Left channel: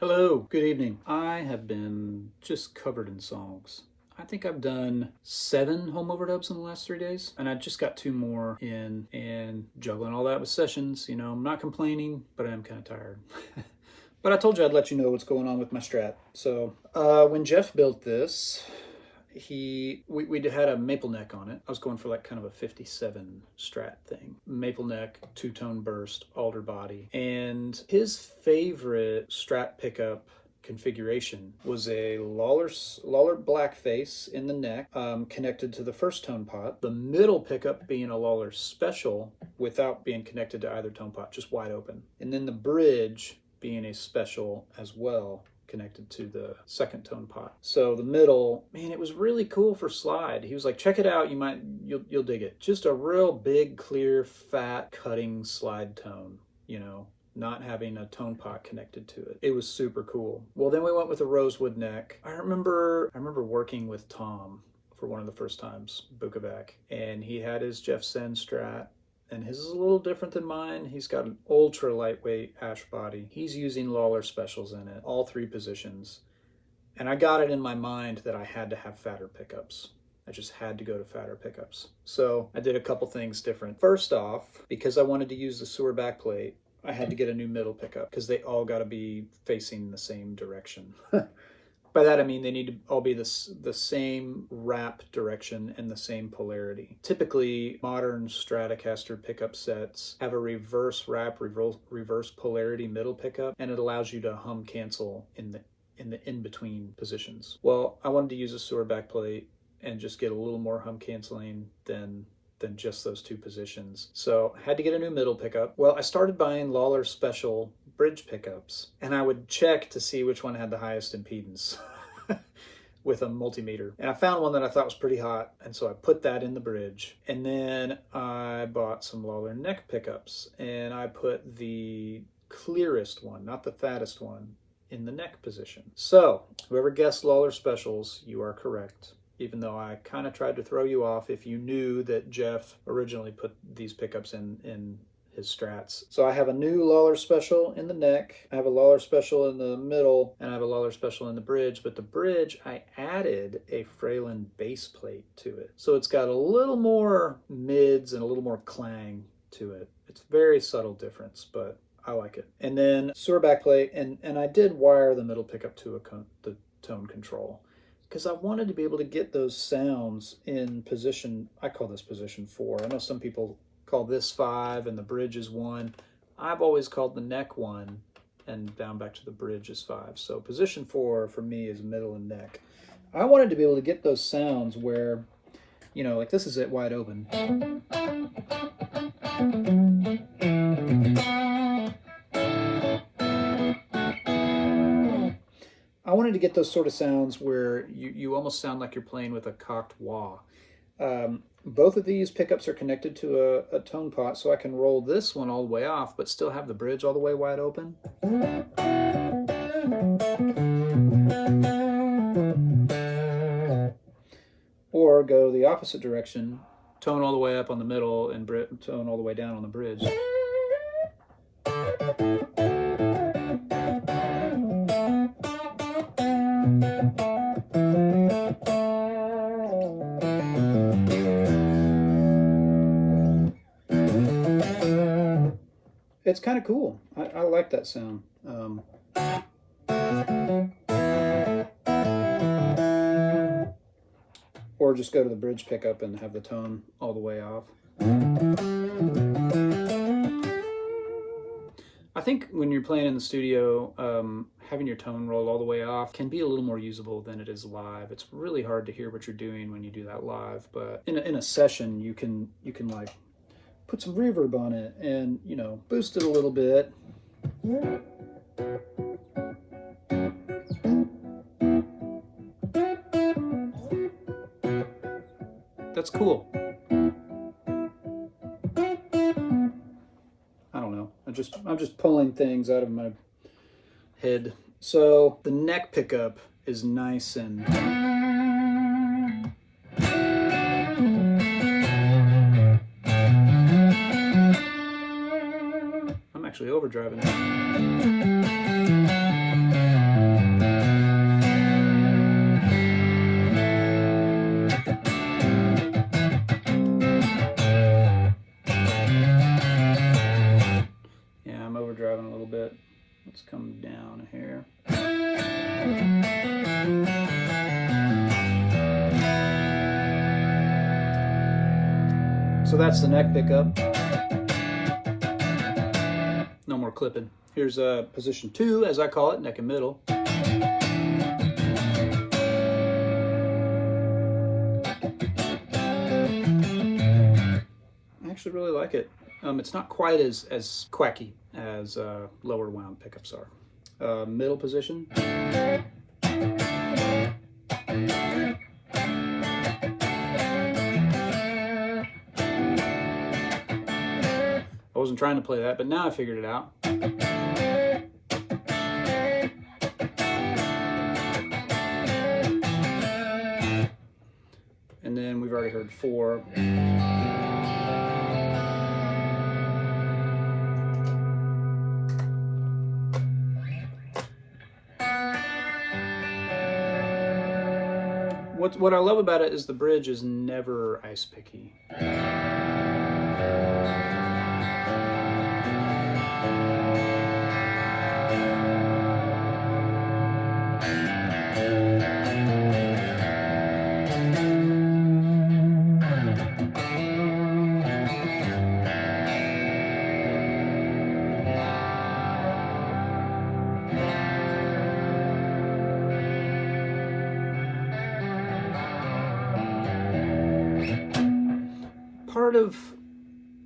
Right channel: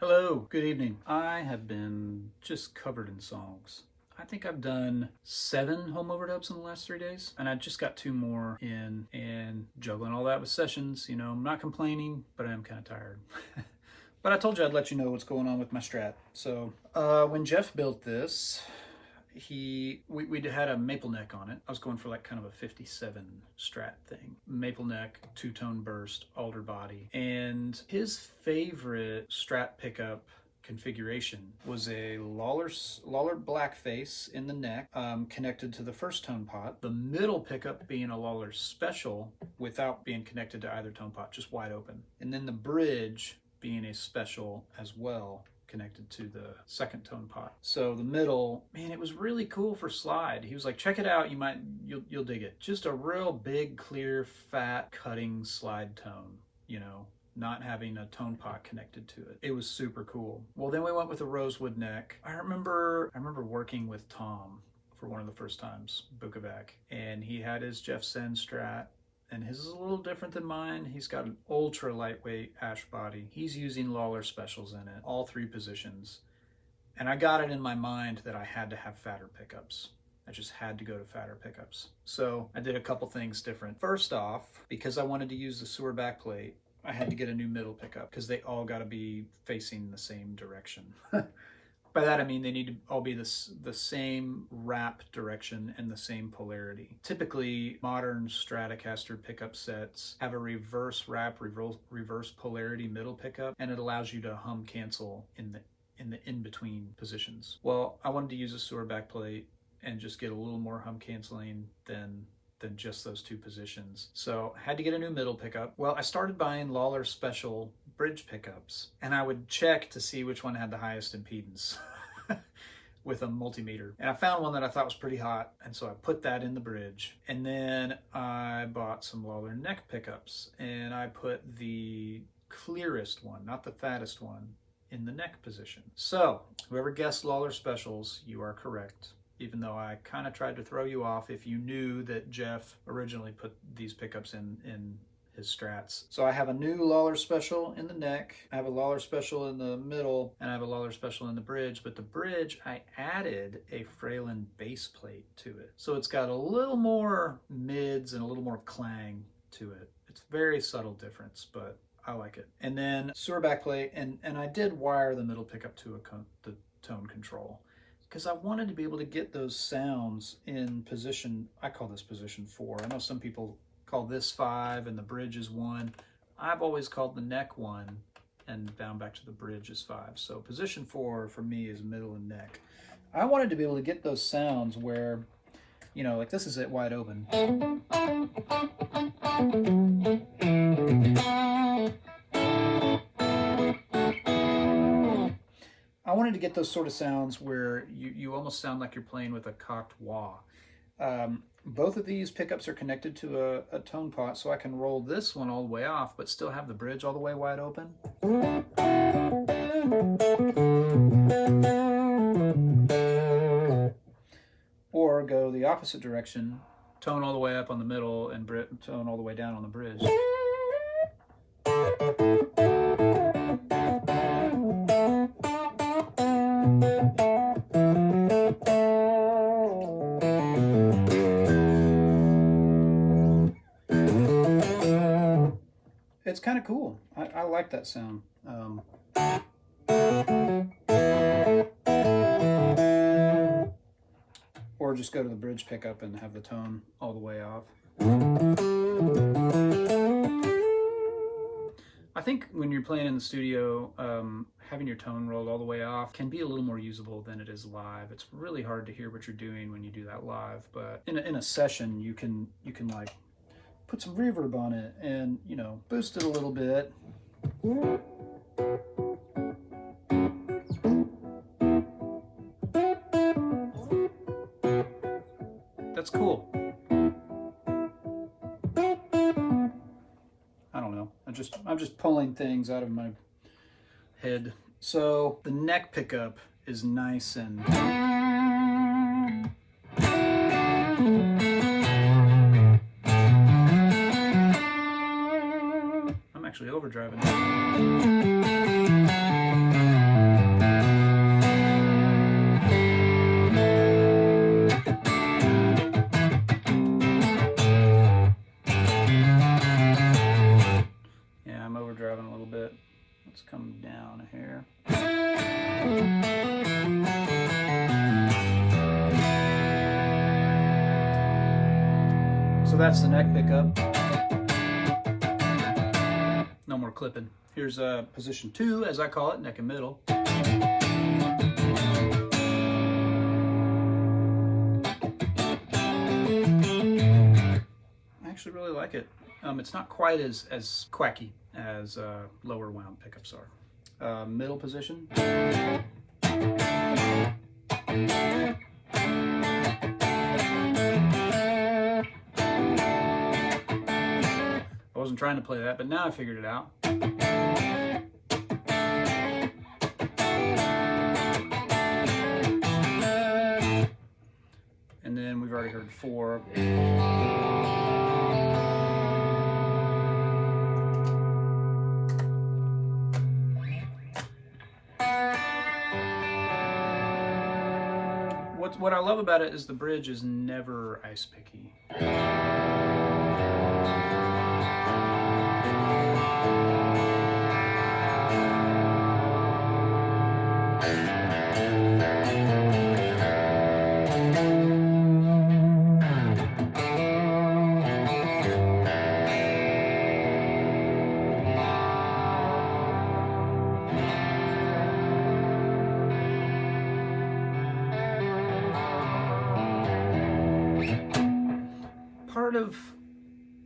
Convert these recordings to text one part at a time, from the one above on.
Hello, good evening. I have been just covered in songs. I think I've done 7 home overdubs in the last 3 days, and I just got 2 more in, and juggling all that with sessions. I'm not complaining, but I am kind of tired. But I told you I'd let you know what's going on with my Strat. So when Jeff built this, we had a maple neck on it. I was going for like kind of a 57 Strat thing. Maple neck, 2-tone burst, alder body. And his favorite Strat pickup configuration was a Lawler black face in the neck, connected to the first tone pot. The middle pickup being a Lawler special without being connected to either tone pot, just wide open. And then the bridge being a special as well, connected to the second tone pot. So the middle, man, it was really cool for slide. He was like, check it out, you'll dig it. Just a real big, clear, fat, cutting slide tone, not having a tone pot connected to it. It was super cool. Well, then we went with a rosewood neck. I remember working with Tom for one of the first times, Bukovac, and he had his Jeff Sen Strat, and his is a little different than mine. He's got an ultra lightweight ash body. He's using Lawler specials in it, all 3 positions. And I got it in my mind that I had to have fatter pickups. I just had to go to fatter pickups. So I did a couple things different. First off, because I wanted to use the sewer backplate, I had to get a new middle pickup because they all got to be facing the same direction. By that I mean they need to all be the same wrap direction and the same polarity. Typically, modern Stratocaster pickup sets have a reverse wrap, reverse polarity middle pickup, and it allows you to hum cancel in the in-between positions. Well, I wanted to use a sewer backplate and just get a little more hum canceling than just those 2 positions. So I had to get a new middle pickup. Well, I started buying Lawler special bridge pickups, and I would check to see which one had the highest impedance with a multimeter. And I found one that I thought was pretty hot, and so I put that in the bridge. And then I bought some Lawler neck pickups, and I put the clearest one, not the fattest one, in the neck position. So whoever guessed Lawler specials, you are correct. Even though I kind of tried to throw you off if you knew that Jeff originally put these pickups in his Strats. So I have a new Lawler special in the neck, I have a Lawler special in the middle, and I have a Lawler special in the bridge. But the bridge, I added a Fralin base plate to it. So it's got a little more mids and a little more clang to it. It's a very subtle difference, but I like it. And then sewer backplate, and I did wire the middle pickup to the tone control, because I wanted to be able to get those sounds in position. I call this position 4. I know some people call this 5 and the bridge is 1. I've always called the neck 1 and down back to the bridge is 5. So position 4 for me is middle and neck. I wanted to be able to get those sounds where, like this is it wide open. I wanted to get those sort of sounds where you almost sound like you're playing with a cocked wah. Both of these pickups are connected to a tone pot, so I can roll this one all the way off, but still have the bridge all the way wide open. Or go the opposite direction, tone all the way up on the middle and tone all the way down on the bridge. It's kind of cool. I like that sound. Or just go to the bridge pickup and have the tone all the way off. I think when you're playing in the studio, having your tone roll all the way off can be a little more usable than it is live. It's really hard to hear what you're doing when you do that live, but in a session, you can like put some reverb on it and, boost it a little bit. That's cool. I don't know. I'm just pulling things out of my head. So the neck pickup is nice and I'm actually overdriving. come down here. So that's the neck pickup. No more clipping. Here's position 2, as I call it, neck and middle. I actually really like it. It's not quite as quacky as lower wound pickups are. Middle position. I wasn't trying to play that, but now I figured it out. And then we've already heard 4. What I love about it is the bridge is never ice picky.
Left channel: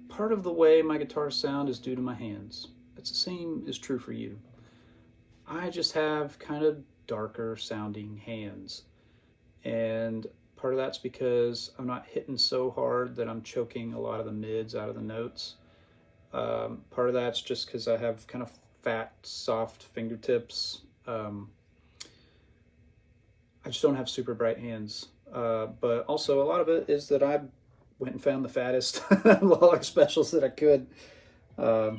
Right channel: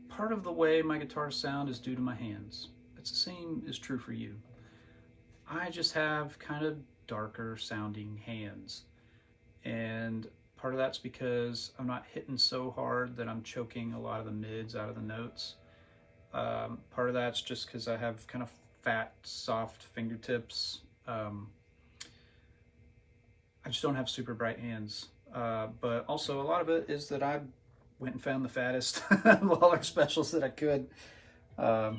Part of the way my guitars sound is due to my hands. It's the same is true for you. I just have kind of darker sounding hands, and part of that's because I'm not hitting so hard that I'm choking a lot of the mids out of the notes. Part of that's just because I have kind of fat, soft fingertips. I just don't have super bright hands, but also a lot of it is that I went and found the fattest Lawler specials that I could. I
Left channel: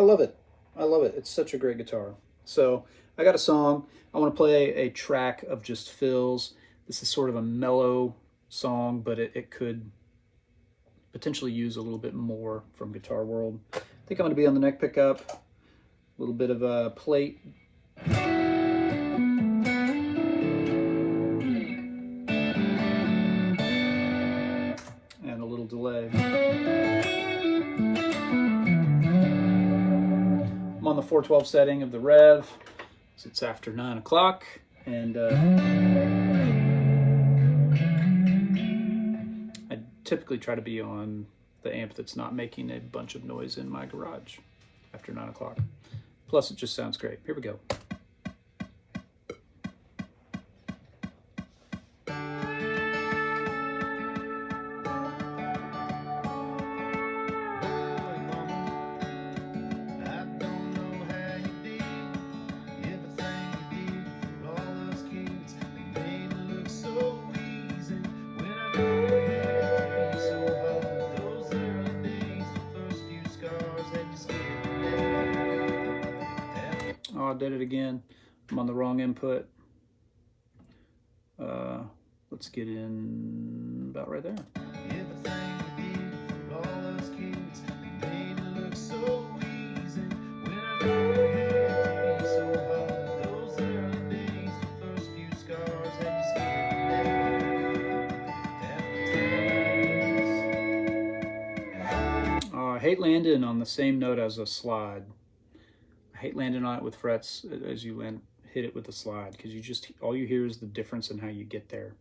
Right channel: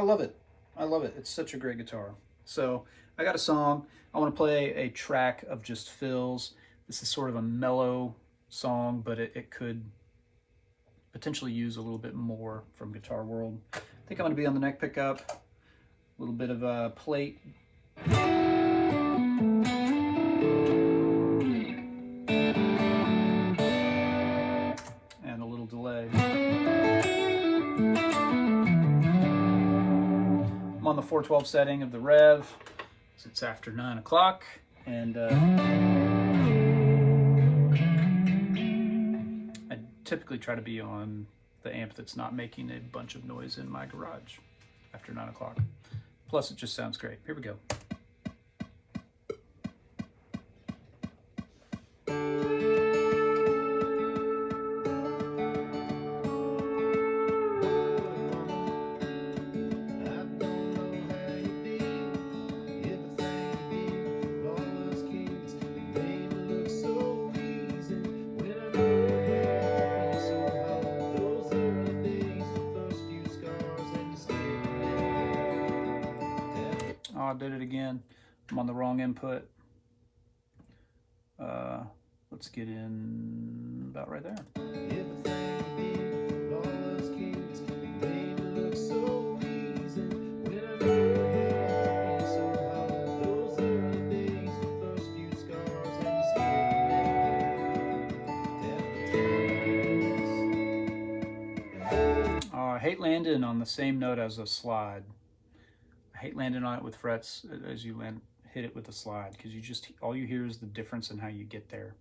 love it. I love it. It's such a great guitar. So I got a song. I want to play a track of just fills. This is sort of a mellow song, but it could potentially use a little bit more from Guitar World. I think I'm going to be on the neck pickup, a little bit of a plate. And a little delay. I'm on the 412 setting of the Rev. So it's after 9 o'clock, and typically try to be on the amp that's not making a bunch of noise in my garage after 9 o'clock. Plus, it just sounds great. Here we go. Oh, I did it again. I'm on the wrong input. Let's get in about right there. I hate landing on the same note as a slide. I hate landing on it with frets as you hit it with the slide, because all you hear is the difference in how you get there.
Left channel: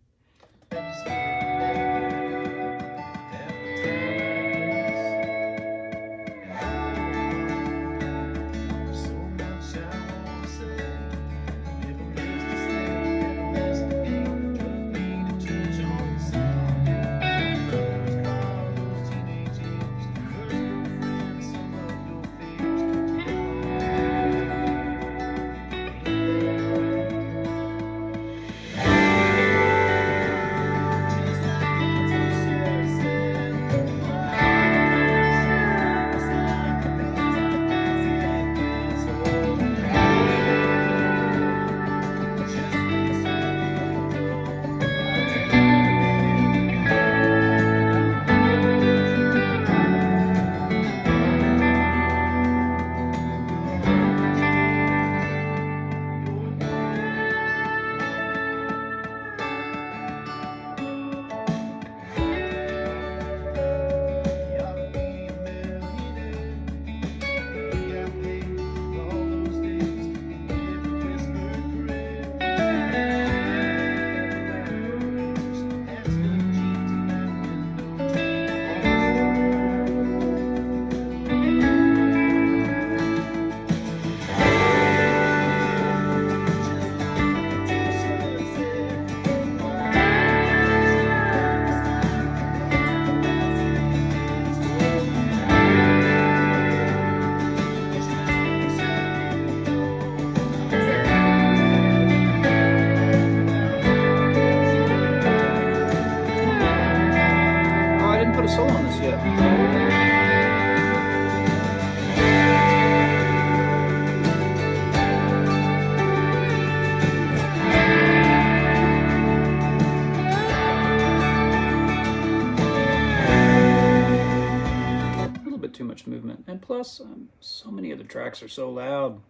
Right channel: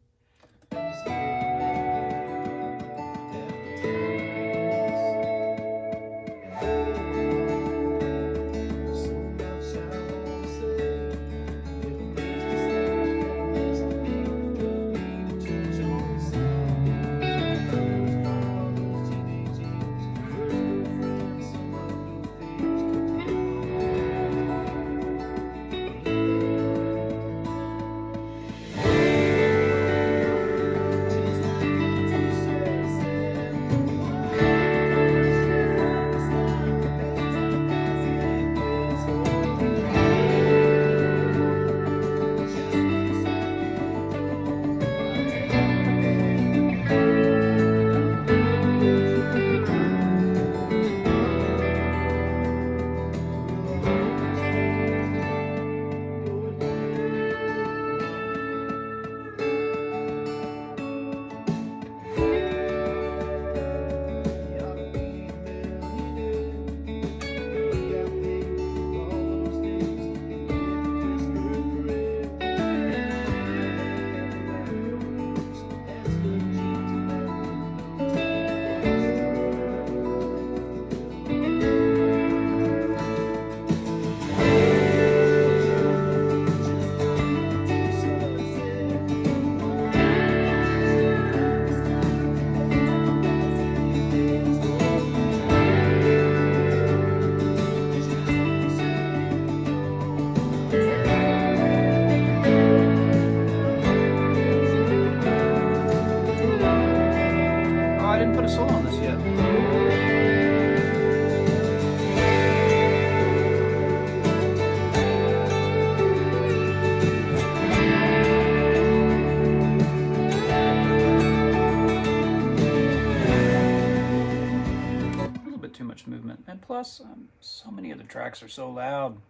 awesome. So many of the tracks are so loud.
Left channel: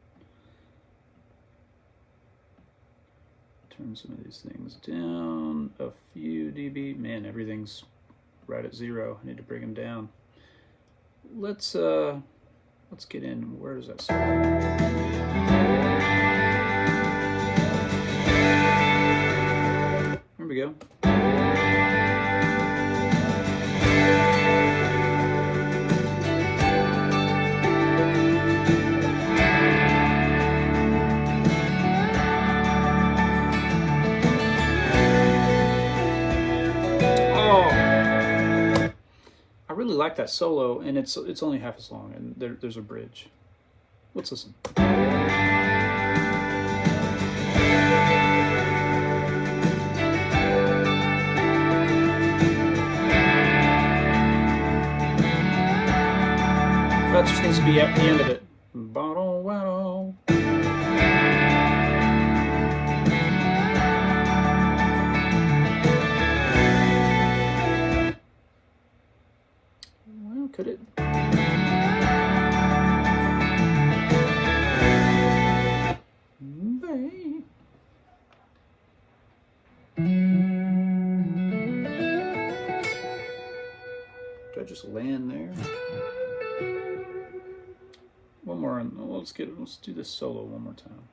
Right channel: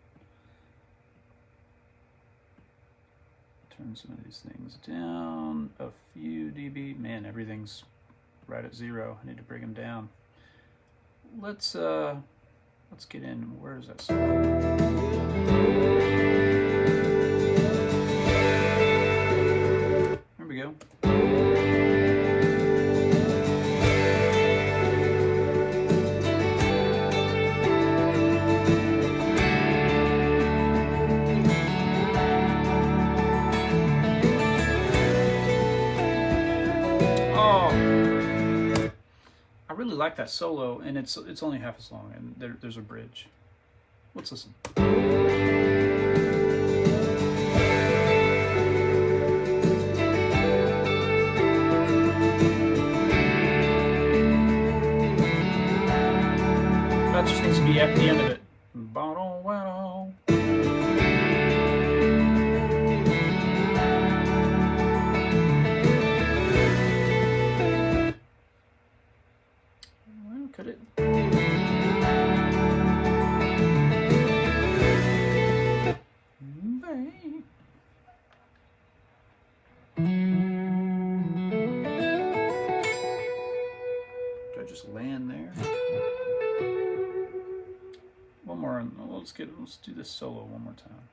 Turn some of these things down a few dB. Man, everything's right at 0. I need to bring them down. Let's get in. Where does that start? There we go. I really like that solo, and it's only half as long, and there's a bridge. Let's listen. That just needs to be at the end of it. Could it? Did I just land there? One more. Let's do this solo one more time.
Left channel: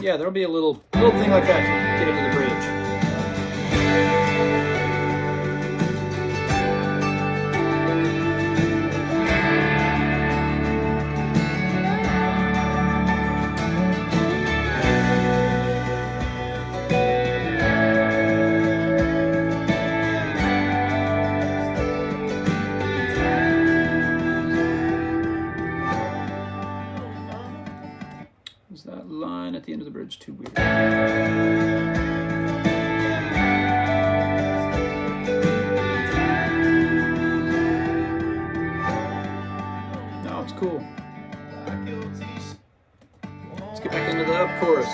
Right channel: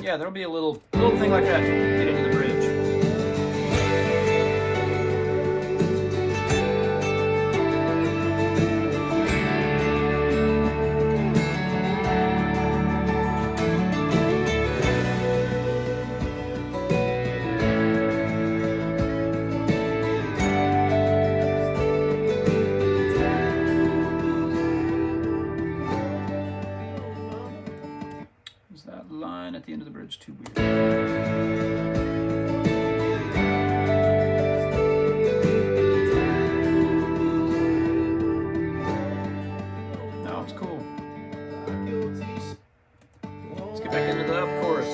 Yeah, there'll be a little thing like that to get into the bridge. Is that line at the end of the bridge too weird? No, it's cool. Let's get back into the up chorus.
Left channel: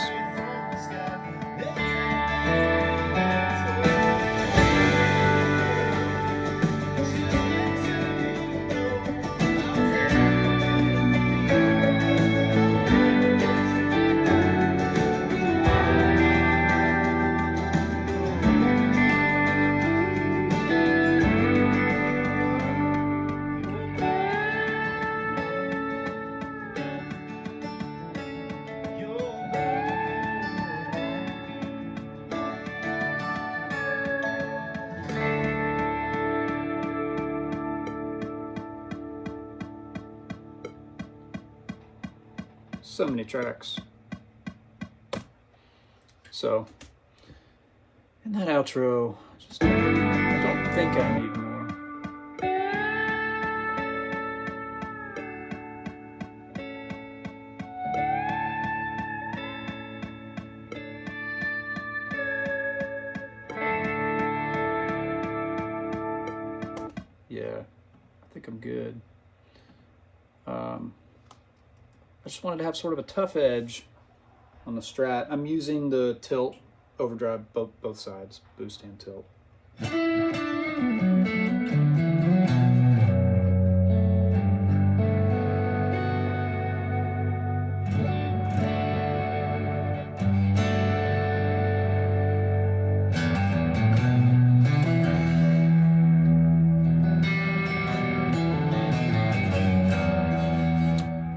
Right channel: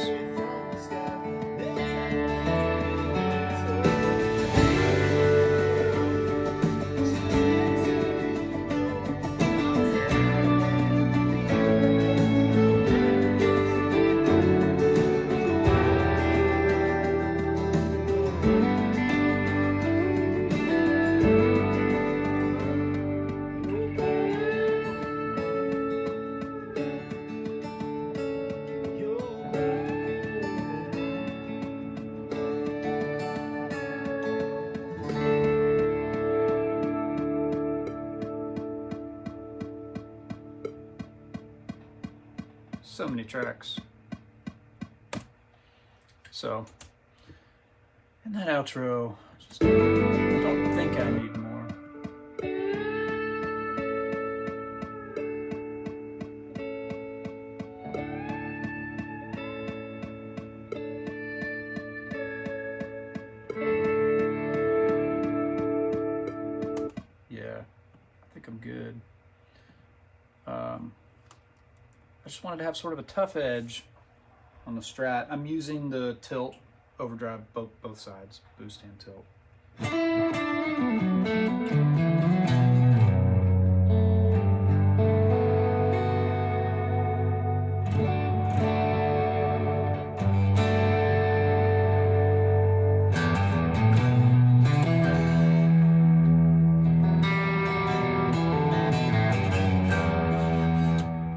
So many tracks. So, in that outro, I don't think I need more. Yeah, I think I'm good. I just wanted to have sort of a tough edge on the Strat. I'm using the tilt overdrive both sides, boost and tilt.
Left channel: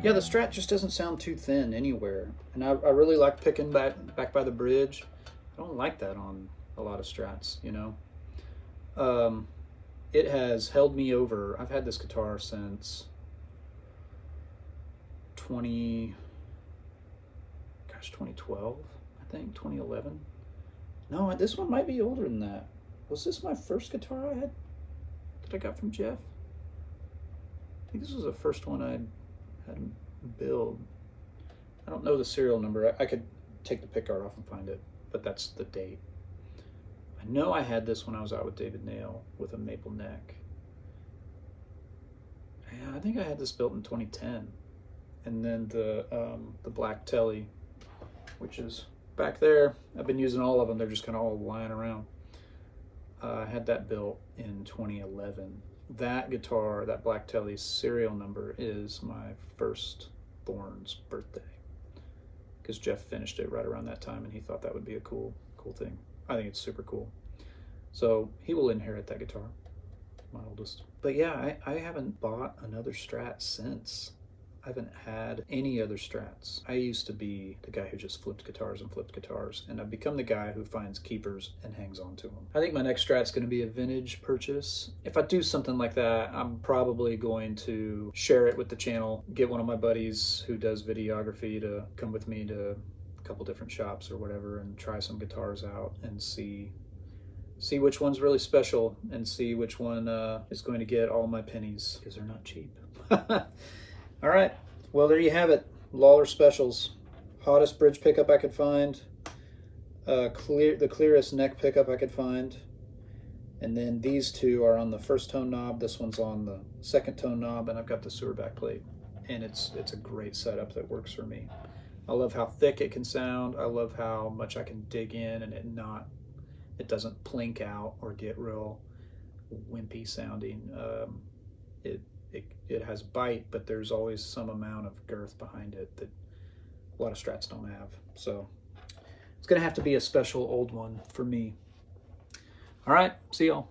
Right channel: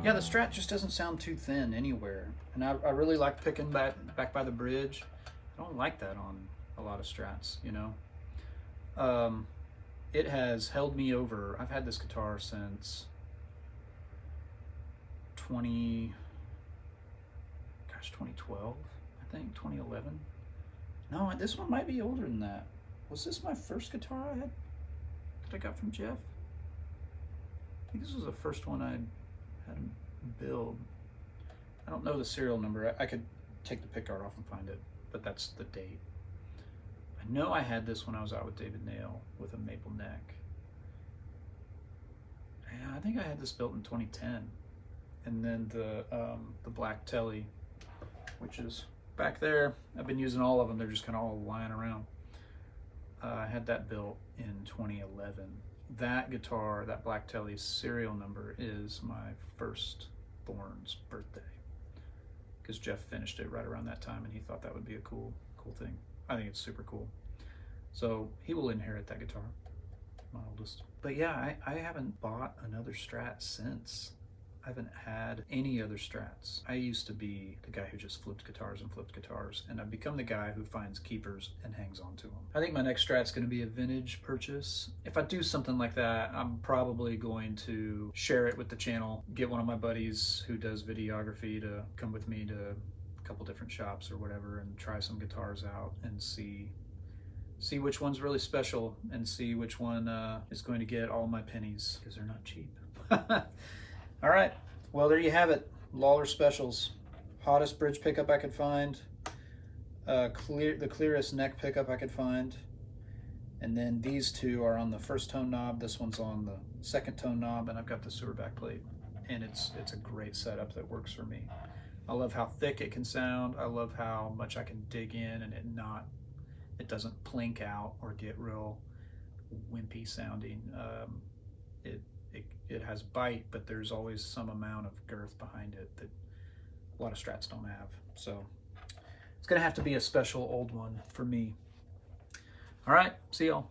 Yeah, the Strat just doesn't sound too thin anywhere. And I really like picking back by the bridge. I don't like that on a lot of Strats, you know. It has held me over. I've had this guitar since 2012, I think, 2011. No, this one might be older than that. Was this my first guitar that I got from Jeff? I think this was the first one I had him build. I don't know the serial number. I could take the pickguard off and find it, but that's the date. I I know I had this when I was out with David Nail with a maple neck. Yeah, I think I had this built in 2010. And then the black telly, which is back there. I've been using all of them. They're just kind of all lying around. I had that built in 2011. That guitar, that black telly serial number is my firstborn's birthday, because Jeff finished it right around that time and he thought that would be a cool thing. I think it's super cool. So he will inherit that guitar, my oldest. But yeah, I haven't bought another Strat since. I haven't had any other Strats. I used to be the guy who just flipped guitars, and I've become the guy who finds keepers and hangs on to them. I think my next Strat's gonna be a vintage purchase. If I do something like that, I'm probably going to share it with the channel, get one of my buddies who does videography to come with me to a couple different shops or whatever and try some guitars out and see which one's really special and see which one is going to get all my pennies, because they're not cheap. All right, well, there you have it. Lawler Specials. Hottest bridge pickup I could find. The clearest neck pickup I could find. And then these two are on the first tone knob. This one's on the second tone knob, and I've got the sewer backplate. And it's a great setup that works for me. I love how thick it can sound. I love how much I can dig in and it doesn't plink out or get real wimpy sounding. It has bite, but there's always some amount of girth behind it that a lot of Strats don't have. So it's gonna have to be a special old one for me. All right, see y'all.